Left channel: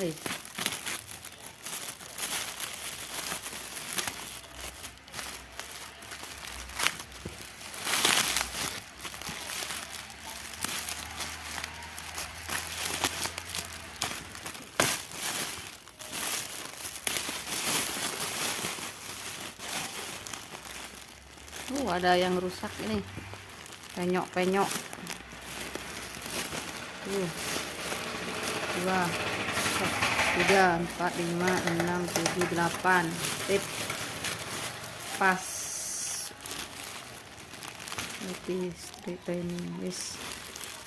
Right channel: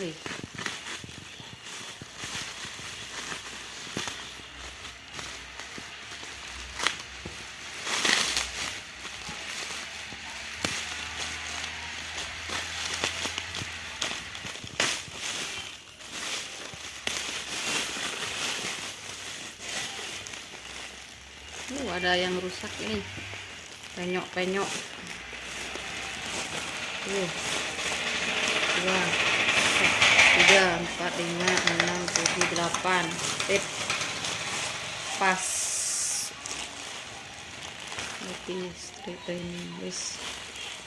Wih. Ada yang rusak ini, penyok-penyok. Tuh, 2, 3, 4, 5, 6, 7, 8. Tip pas. Oke, straight ini, wis.